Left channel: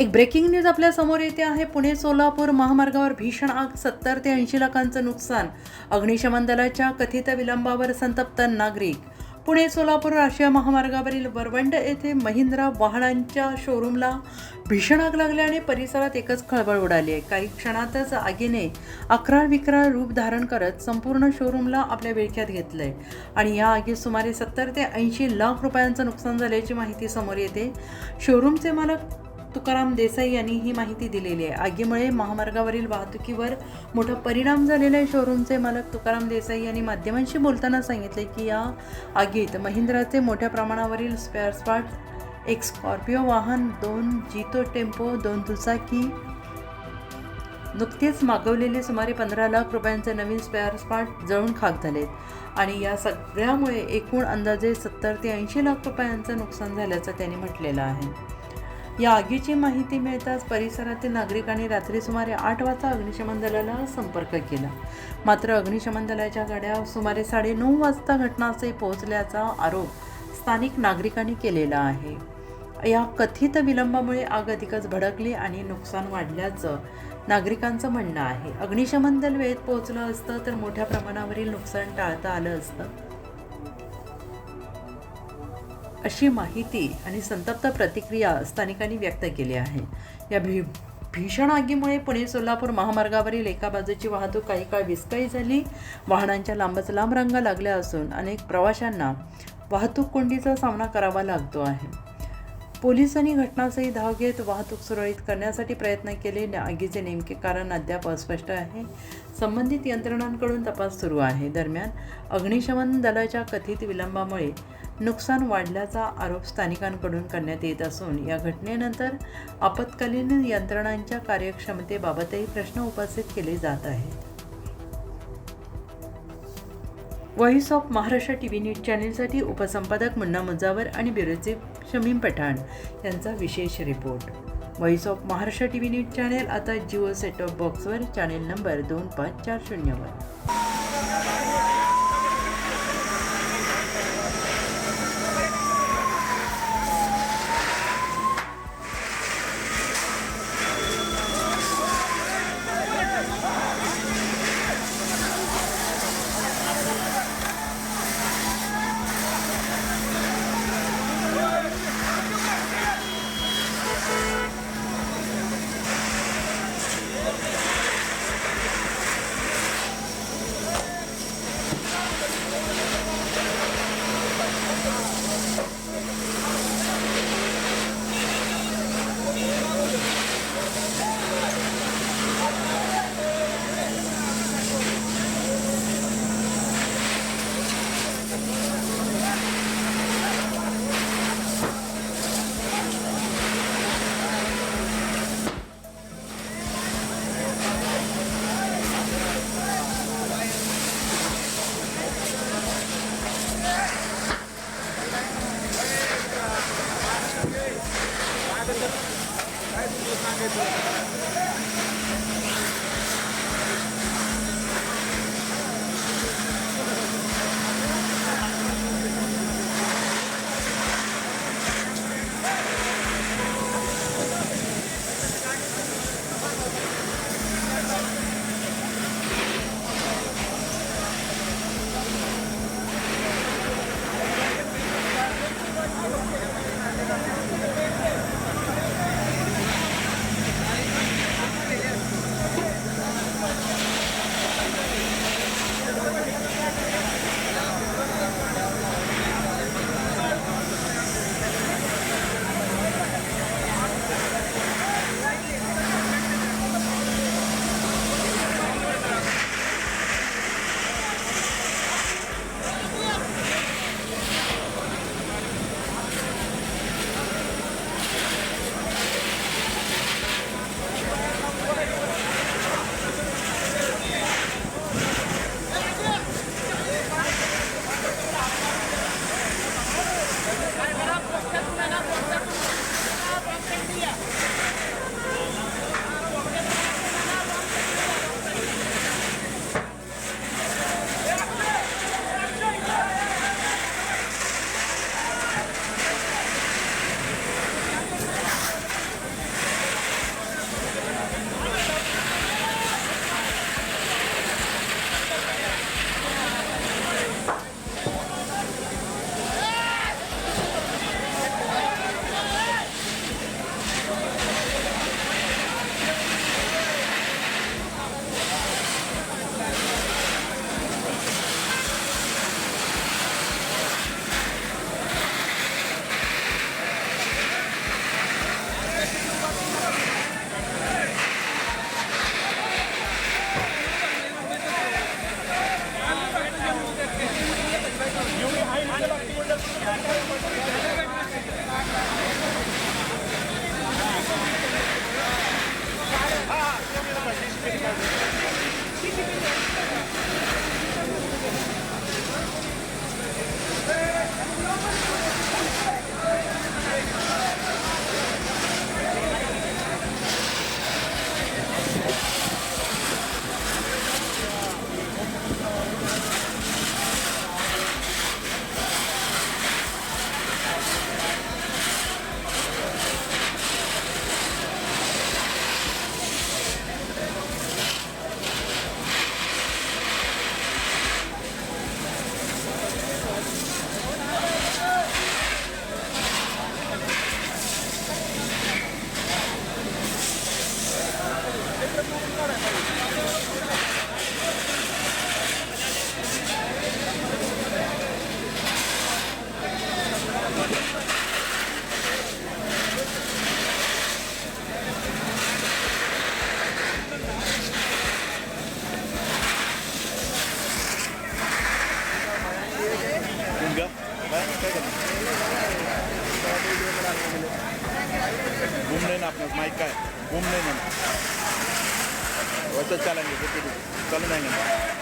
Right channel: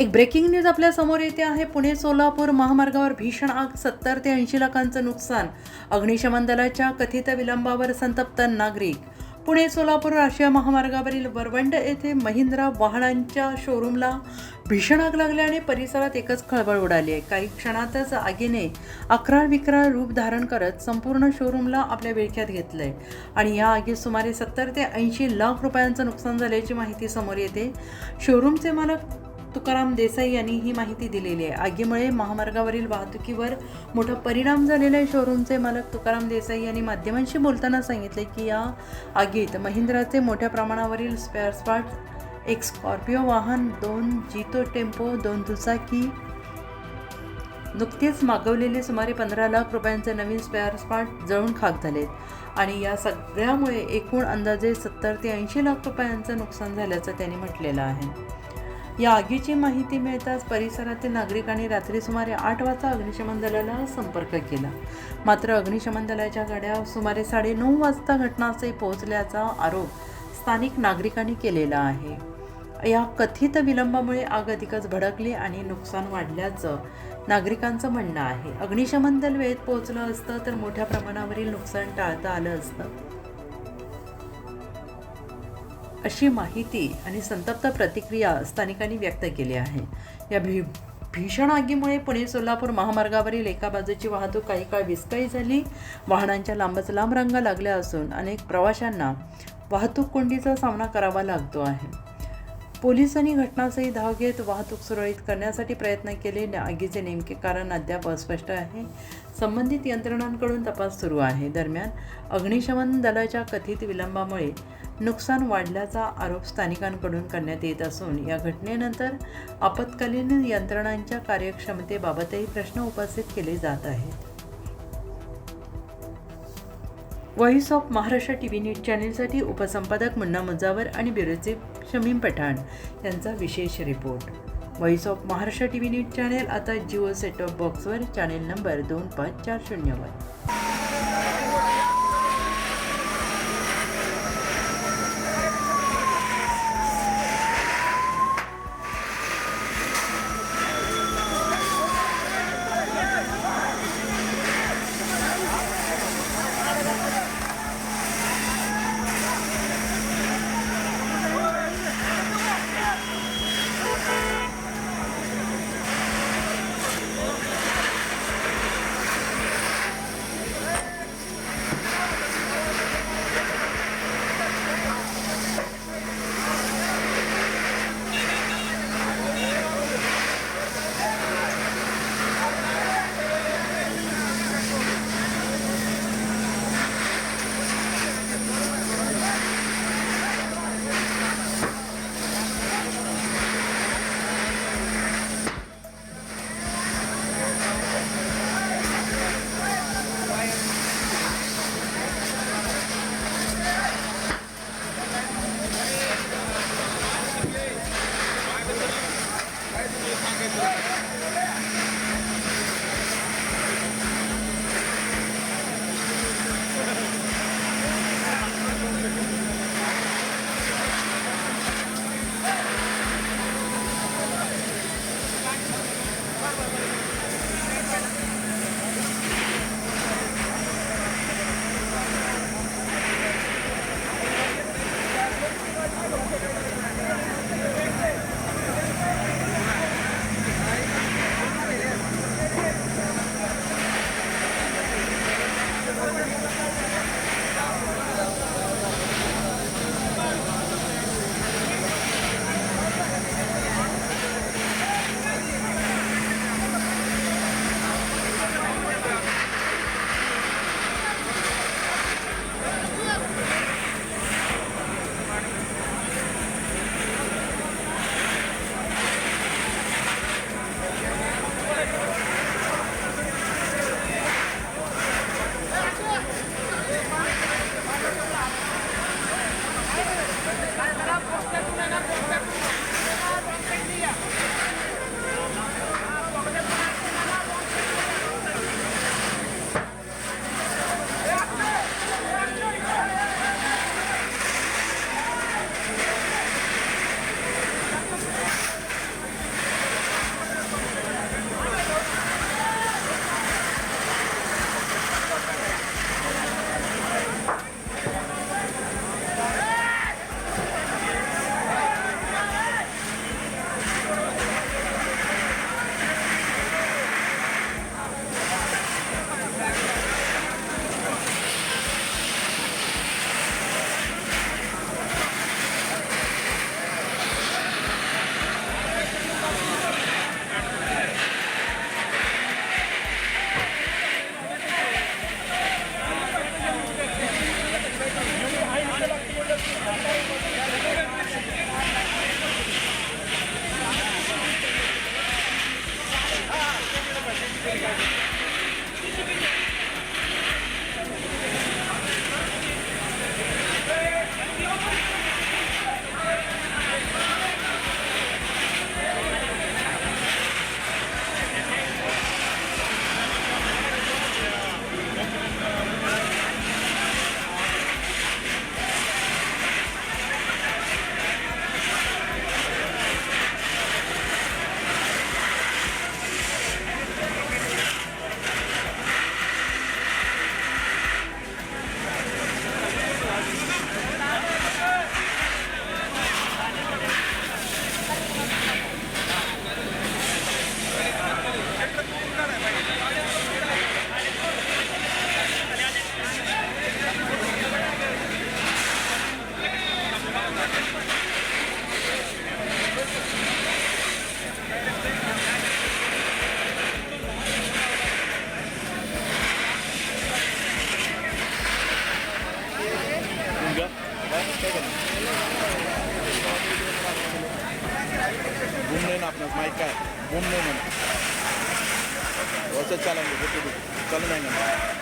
एक breaking news आपल्या समोर येते आहे. पुणे सोलापूर महामार्गावर भीषण आग, 70 ते 80 लाखांचं नुकसान. अग्निशमन दलाच्या कथित विलंबावर संतप्त नागरिक. पुणे सोलापूर राष्ट्रीय महामार्गावरील वरवंड येथे महिंद्रा वाहनांच्या शोरूमला भीषण आग लागल्याने परिसरात एकच खळबळ उडाली आहे. काही क्षणातच आगीने अकराळ विक्राळ रूप धारण करत संपूर्ण शोरूमला आपल्या विळख्यात घेतलंय आणि या आगीत सुमारे 70 ते 80 लाख रुपयांचं नुकसान झाल्याची माहिती समोर येते. शोरूमचे मालक तुकाराम देसाई यांनी ही माहिती दिलेली आहे. आगीमुळे महामार्गावरील वाहतुकीवर मोठा परिणाम झालेला आहे. शोरूमचे मालक तुकाराम देसाई यांनी माध्यमांशी बोलताना सांगितले की या आगीत महिंद्राचे मोठ्या प्रमाणावरील स्पेअर पार्ट्स, एक स्कॉर्पिओ वाहन, 2 जीतो टेम्पो, 2 दुचाकी, नुकतेच मागवलेले सुमारे 15 लाख रुपयांचे नवीन स्पेअर पार्ट जळून खाक झालेत आणि या सगळ्यामुळे एकूण अंदाजे 70 ते 80 लाख रुपयांचं नुकसान झाल्याचं त्यांनी म्हटलेलं आहे. या आगीची माहिती मिळताच परिसरातील नागरिकांनी रात्री सुमारे 8 वाजता अग्निशमन दलाला संपर्क केला. मात्र अग्निशमन दलाच्या गाड्या सुमारे 9:30 वाजता घटनास्थळी पोहोचल्याचा आरोप स्थानिक नागरिकांनी केलेला आहे. या कथित विलंबामुळे आग अधिकच भडकली आणि नुकसान वाढल्याचं नागरिकांचं म्हणणं आहे. अग्निशमन दल वेळेत पोहोचलं असतं तर मोठ्या प्रमाणावरील नुकसान टाळता आलं असतं, अशी माहिती आणि संतप्त प्रतिक्रिया स्थानिकांनी व्यक्त केली आहे. या भीषण आगीमुळे पुणे सोलापूर महामार्गावरील एका बाजूची वाहतूक काही काळ विस्कळीत झाली. वाहनांच्या लांबच लांब रांगा लागल्या असून अनेक प्रवाशांना वाहतूक कोंडीचा सामना करावा लागतो आहे. पोलिसांनी घटनास्थळी धाव घेत वाहतूक सुरळीत करण्यासाठी प्रयत्न केले. आगीचे नेमके कारण अद्याप अस्पष्ट आहे. संबंधित यंत्रणांकडून तपास सुरू आहे. दरम्यान अग्निशमन दलाच्या कथित विलंबामुळे नुकसान वाढल्याचा आरोप स्थानिकांकडून करण्यात येत असून या घटनेनंतर आपत्कालीन यंत्रणांच्या कार्यक्षमतेबाबतही प्रश्न उपस्थित केले जात आहेत. Voice of Maharashtra TV news चॅनेलसाठी उपसंपादक मुन्ना मुजावर आणि ब्युरो चीफ शमीम पठाण यांचा विशेष report. Voice of Maharashtra TV news channel आता जिओ सेट टॉप बॉक्सवर चॅनेल नंबर 2540 वर. लेना अपना माइक का है, बूम नहीं माना वैसे चलेंगे, चले जाएंगे।